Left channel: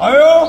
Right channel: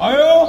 આયો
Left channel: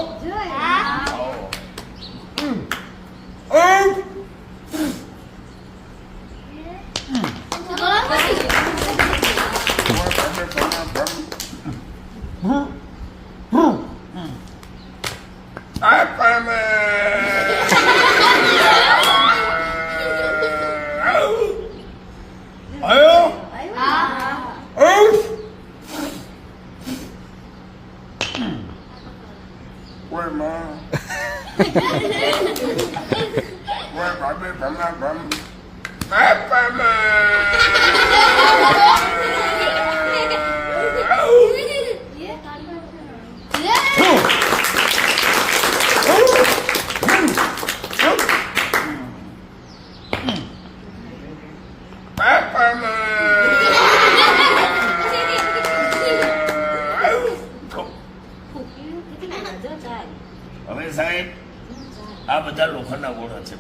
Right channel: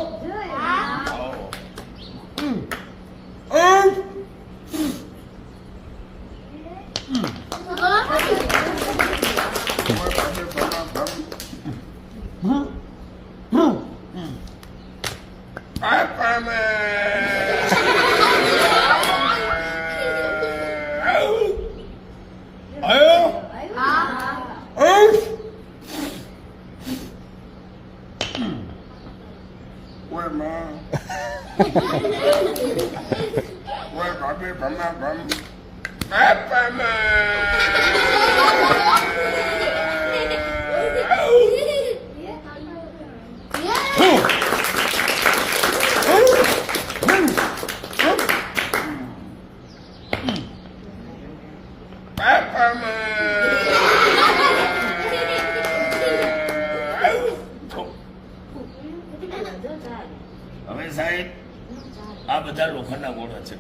હવે સાહેબ આ બધા લોખંડના ગોળા છે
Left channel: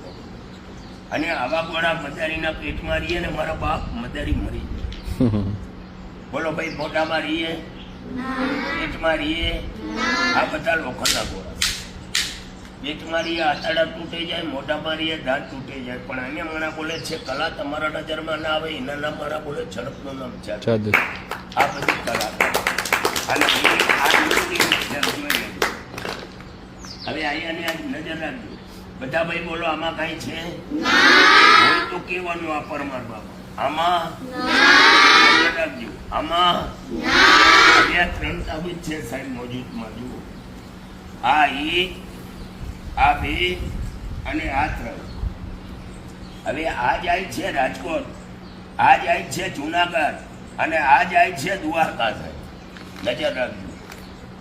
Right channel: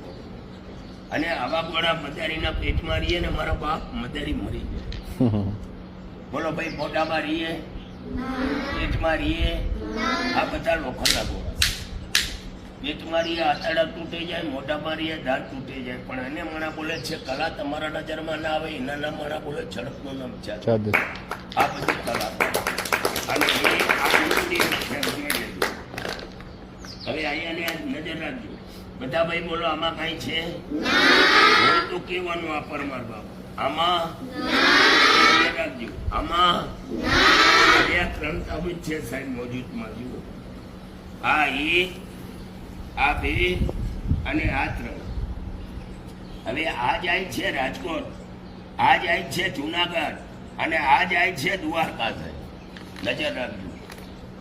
અને આવા ગોળા મદારીના પેટમાં રહીએ ને મારા બાપ મદારી મરી જાય. બોલો ભાઈ, મોઢામાં રહીએ, પેટમાં રહીએ, આ બધા લોખંડના ગોળા છે. પેટમાં રહીએ આંતરડા તૂટી જાય, મોઢામાં રહીએ દાંત તૂટી જાય. પણ એને માણા બોલે છે કલા તમારા નજરમાં ના આવે, એના નામ માણા બોલે ઝડપનું નામ જાદુ. આ બધી કલા અને હવે અહીંયાની નજર રાખજો બધા ભાઈ. બોલો આમાં કઈ છે? તો કેવાનું આ પરમાર બાબા આમાં નજર રાખજો. આમાં આ ત્રણ તાબીજ છે સાહેબ મોજૂદમાં. જુઓ, આ એક, આ બે અને આ ત્રણ. હવે આ જાય છે રાજકોટ, આ જાય છે જુનાગઢ અને આ જાય છે દ્વારકા. સાહેબ નજર રાખજો.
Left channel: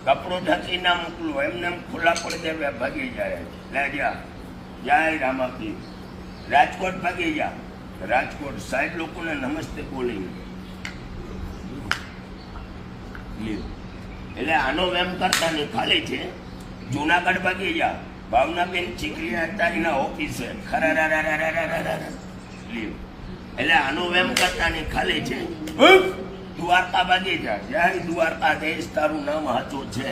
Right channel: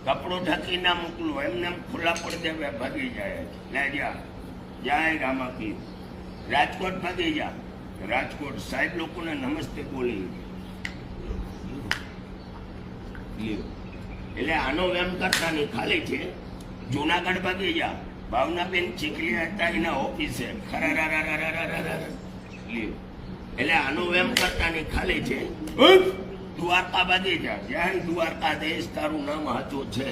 કપડો ઢાંકી ના મોકલું, એમને ખુલ્લા પડી દે ભાગી જાય. લે જા, જય રામાપીર. રાજકોટ ભાગી જા. રાજકોટ સાહેબ લોકોને નમસ્તે બોલી. એટલે આનો વેમ કરતા નહીં, ખાલી છે. જુનાગઢ ભાગી જા. ભાવનાબેન ચીકલી હતા એના ઓફિસે. એટલે આનો વેમ કરતા નહીં, ખાલી છે. દ્વારકા ભાગી જા. જય દ્વારકા દેશ, તારું નામ હાચું છે.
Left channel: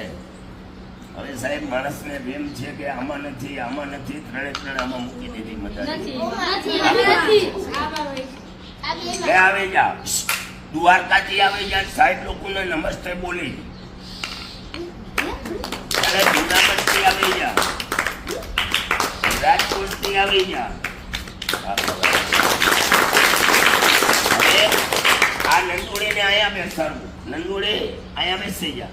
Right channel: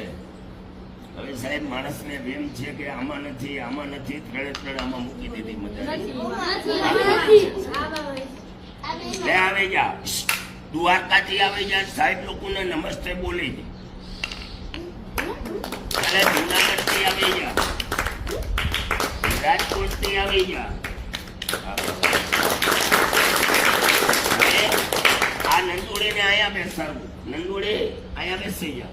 હવે સાહેબ માણસને એમ છે કે આમાં નથી, આમાં નથી, ત્રણે ત્રણ આમાં મૂકી દીધી. મજા આવી જા. દ્વારકાથી આવી જા. સાહેબ લોકોને નમસ્તે બોલી. જુનાગઢ થી આવી જા. રાજકોટ થી આવી જા. આ નંદોડી ને અહીંયા બેસાડવું. નંદોડી અહીંયા બેસી જા.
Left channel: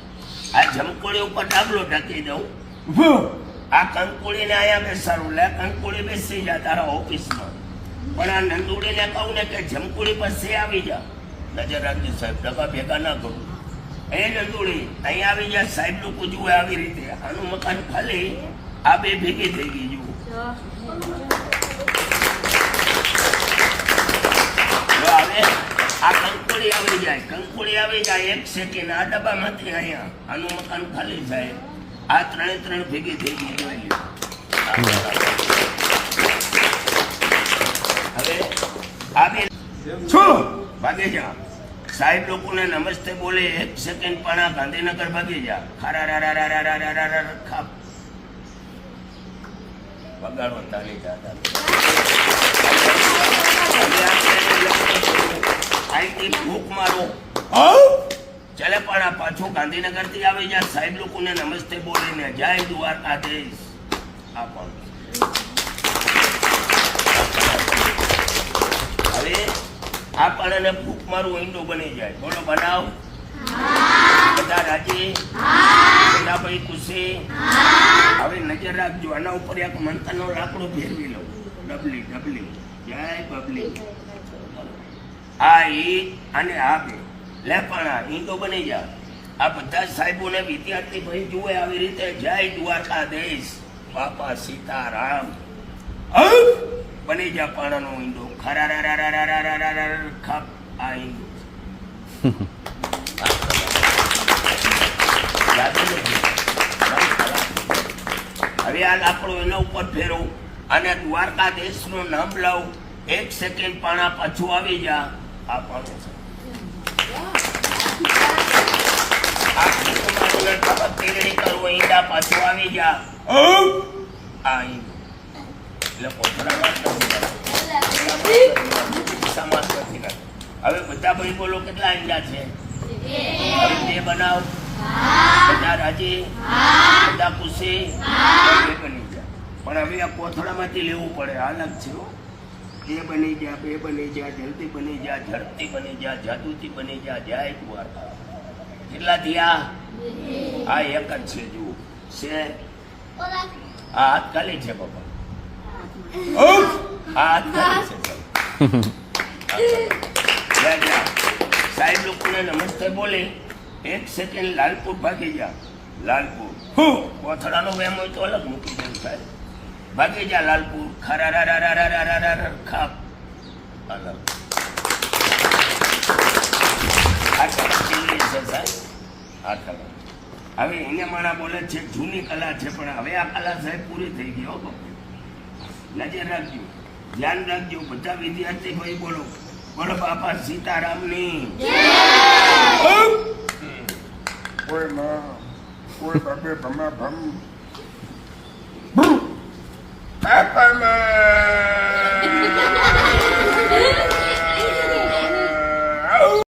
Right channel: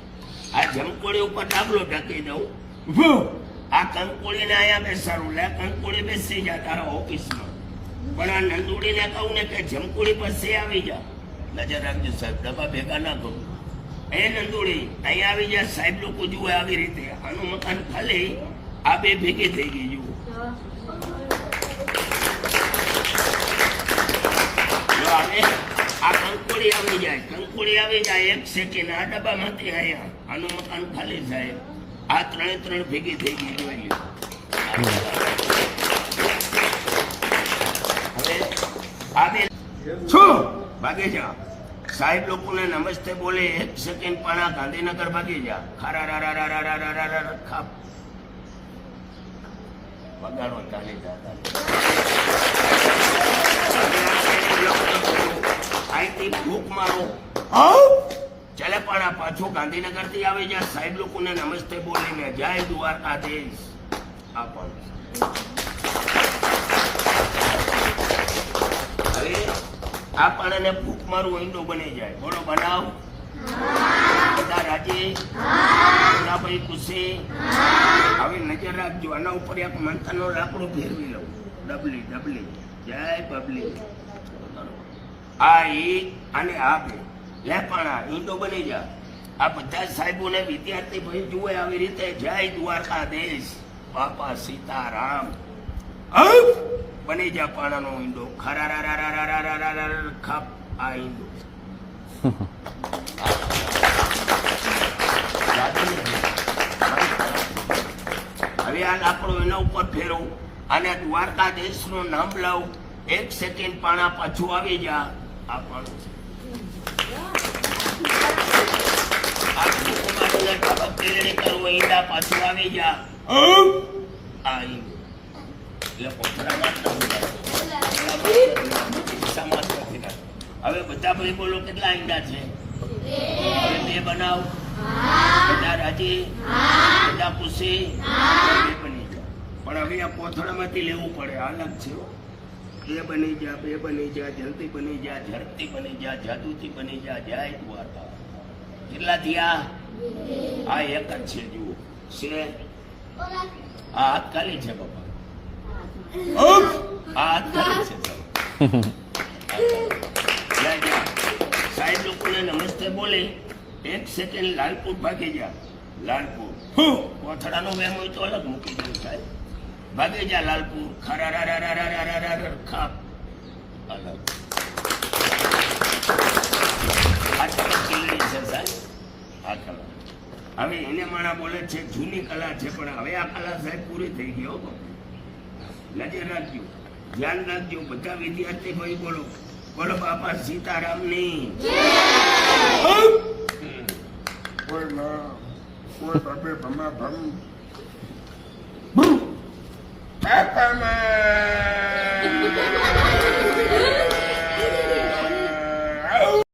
આ જમકોડી ઉપર ડાબલો ઢકી દઉં. આ કંકોડી ને અહીંયા બેસાડવું. લે કંકોડી બેસી જા તારા ઓફિસમાં. પણ આ નંદોડી ને કહું ને કે જમકોડી પાસે આવી જા. નજર રાખજો સાહેબ, ડબ્બા ભેગા ના કરું. એ નંદોડી અહીંયા આવી જા. સાહેબ લોકો જુએ આવી રીતે. આનું મકાન ખાલી, આ બે ભેગી થઈ ગઈ. જુઓ હવે આ કંકોડી આવી જાય. કંકોડી આવી જાય. એક સેકન્ડ આ ડબ્બામાંથી અહીંયા આનું મકાન ખાલી થાય. આ ત્રણે ત્રણ ભેગી થઈ ગઈ. જોઈએ હવે આ બે ભાગે જા. સાહેબ લોકોને નમસ્તે બોલે. એક સેકન્ડ પણ આ ગાંધીનગર ભાગી જા. ખાપ બગાડો તાલી જાતા. ભૂખ મારો ચાલે પણ આ પાછું ગાંધીનગર થી આવી જાય. સાહેબ લોકોને નમસ્તે બોલીને જય દ્વારકા દેશ. હવે આ પણ ભૂખ મારું ઈંડો બની જાય. બોલો બનાવ. બધા રાજી, બધા ભાઈ ખુશી. હવે નજર રાખજો. આના ઉપર એક મંથનનો લાકડો ફેરવી લઉં. ડબલી ડબલી જય બબલી. આ એક અને આ બે. લે પણ આ ઈંડો બની જા. આ બધા સાહેબો ને વિદ્યાર્થી ભાઈ જુએ આવી રીતે જય દ્વારકા દેશ. બાપા સીતારામ બની જા. પાણાનો ઈંડો ખાપ. આ ઈંડો હવે આ લાકડો એના ઉપર ફેરવું અને દ્વારકા દેશ નું નામ લાવું. એક સેકન્ડ પાણા પાછું આવી જા. આ પાણું આ કુમારીને ખબર તેરણી કરવું ઈંડા પાછું આવી જા આ ઈંડું એટલે કોથળામાં જ નથી કરતું. સમાન નથી કરતું. હવે બધા ભાઈ બોલો કેટલા ઈંડા છે? હવે બે બનાવ. બધા રાજી? બધા ખુશી? બે બની જાય. પણ હવે આ કોથળામાંથી લેવું પડે. અલગ છે હો. બે બની જા, બે બની જા, જલ્દી બની જા, ઝડપથી બની જા, જાદુથી બની જા, જય દ્વારકા. કેટલા થયા? આ એક જ છે. જુઓ છે આ હાથ ખાલી છે બાપા. આ હાથ ખાલી છે. સાહેબ લોકોને નમસ્તે બોલી 1 સેકન્ડ લાલપુર ભાગી જા. લાલપુર કોથળાનો વેમ હોય તો અલગ મૂકી દઉં સાહેબ. ભાગી જા લાલપુર. ખરા ખા અલગ. આ કલા કેવી છે સાહેબ? આ કલા હવે એને માણા બોલે છે જૂની કલા છે, પણ હવે આ કલા સાહેબ પૂરી થઈ ગઈ હો. નજર રાખજો, ધ્યાન રાખજો. બધા વિદ્યાર્થી ભાઈ બોલો બોલો બાપા સીતારામની કોઈ માં કોઈ બાપે ભમા ભમ બાપામાં